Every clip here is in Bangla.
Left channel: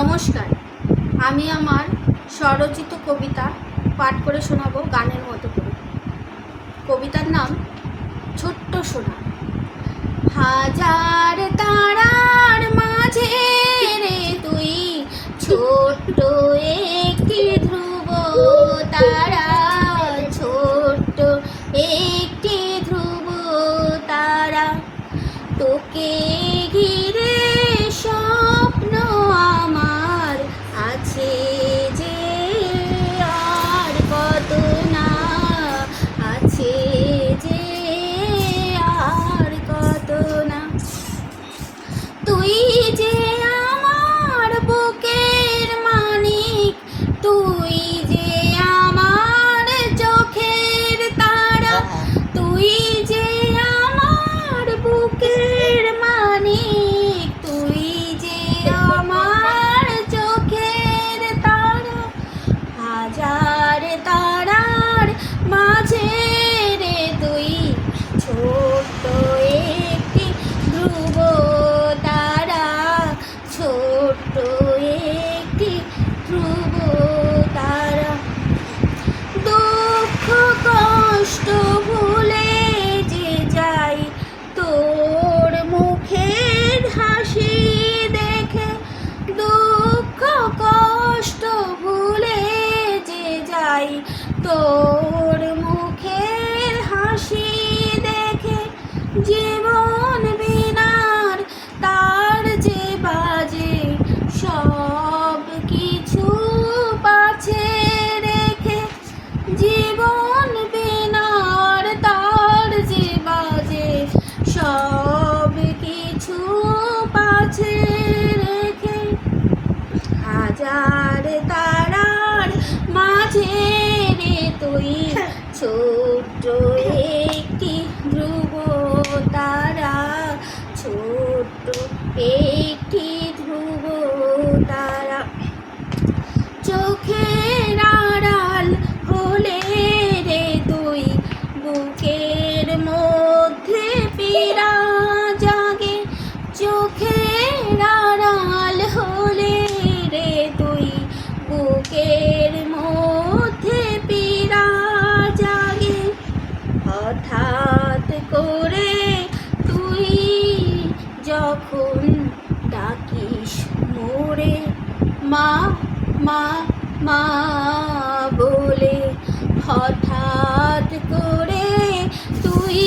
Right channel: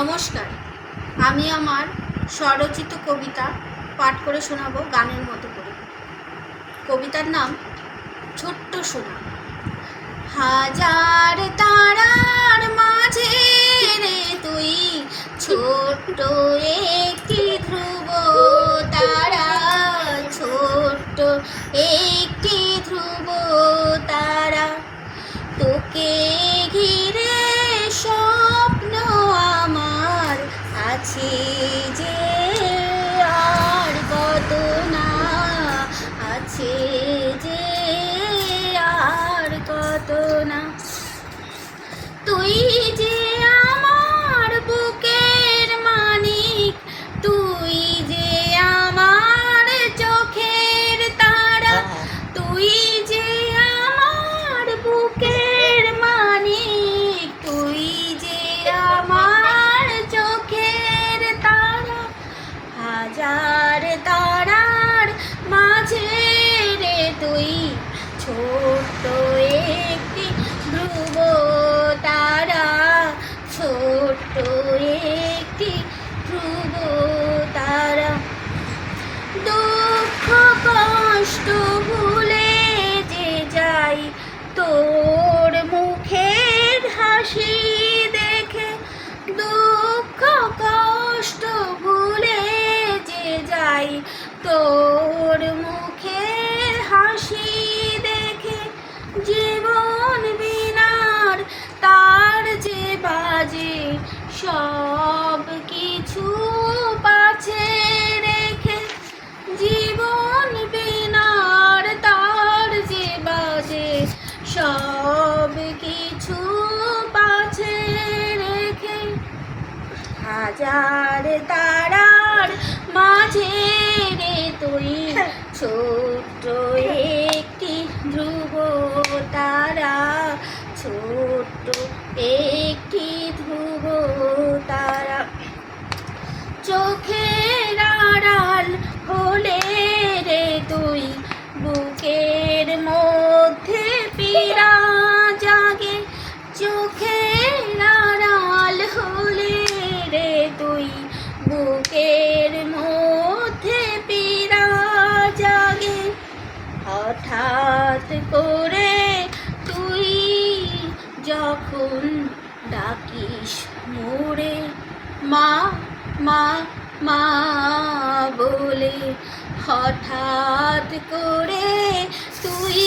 নমস্কার, আমি আমার স্বরচিত কবিতা পাঠ করে শোনাবো গানের মতো করে। কবিতার নাম ছোট্ট সোনা। হাজার তারার মাঝে রে তুই ছোট্ট একটি ধ্রুব তারা, ছোট্ট একটি ধ্রুব তারা। তোকে ঘিরে স্বপ্ন আমার আছে যে আর কত না, আছে যে আর কত না। তুই যে আমার বুকের মানিক, তুই যে আমার চোখের তারা, তুই যে আমার বুকের মানিক, তুই যে আমার চোখের তারা। হাজার তারার মাঝে রে তুই ছোট্ট একটি ধ্রুব তারা, ছোট্ট একটি ধ্রুব তারা। দুঃখ কষ্ট ভুলে যে যাই তোর মুখের হাসি দেখে, দুঃখ কষ্ট ভুলে যে যাই তোর মুখের হাসি দেখে। জীবন বিনার তার যে বাজে সব কিছু পাছে রেখে, জীবন বিনার তার যে বাজে সব কিছু পাছে রেখে। হাজার তারার মাঝে রে তুই ছোট্ট একটি ধ্রুব তারা, ছোট্ট একটি ধ্রুব তারা। চোখের আড়াল হলে রে তুই বুকের মধ্যে পীড়া জাগে, চোখের আড়াল হলে রে তুই বুকের মধ্যে পীড়া জাগে। হঠাৎ করে তুই যখন ডাকিস মোরে মা মা মা বলে, হঠাৎ করে তুই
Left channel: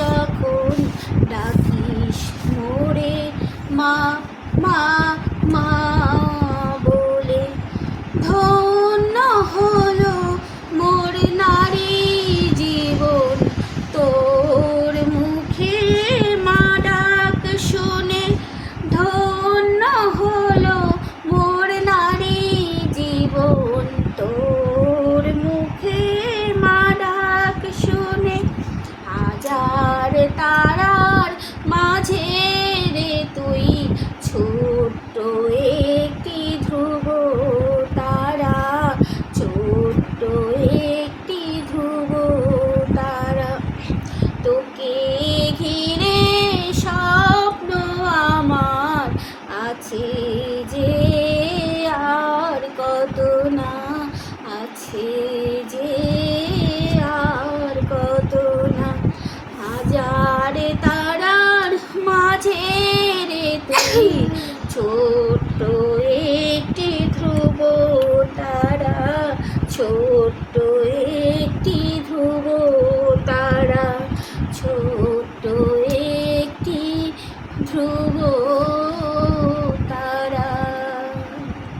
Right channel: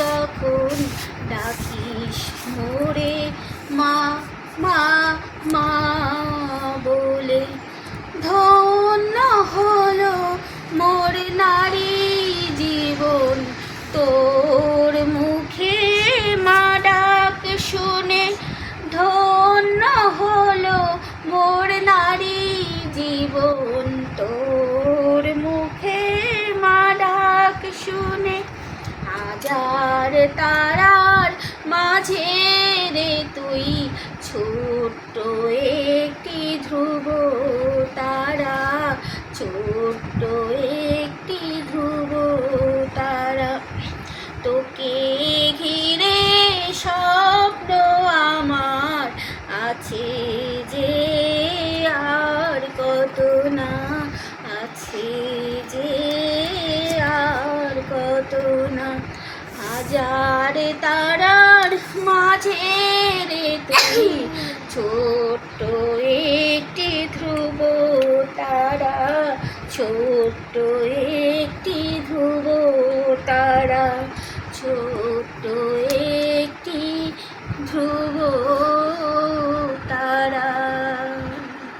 যখন ডাকিস মোরে মা মা মা বলে। ধন্য হলো মোর নারী জীবন তোর মুখে মা ডাক শুনে, ধন্য হলো মোর নারী জীবন তোর মুখে মা ডাক শুনে। হাজার তারার মাঝে রে তুই ছোট্ট একটি ধ্রুব তারা, ছোট্ট একটি ধ্রুব তারা। তোকে ঘিরে স্বপ্ন আমার আছে যে আর কত না, আছে যে আর কত না। হাজার তারার মাঝে রে তুই ছোট্ট একটি ধ্রুব তারা, ছোট্ট একটি ধ্রুব তারা, ছোট্ট একটি ধ্রুব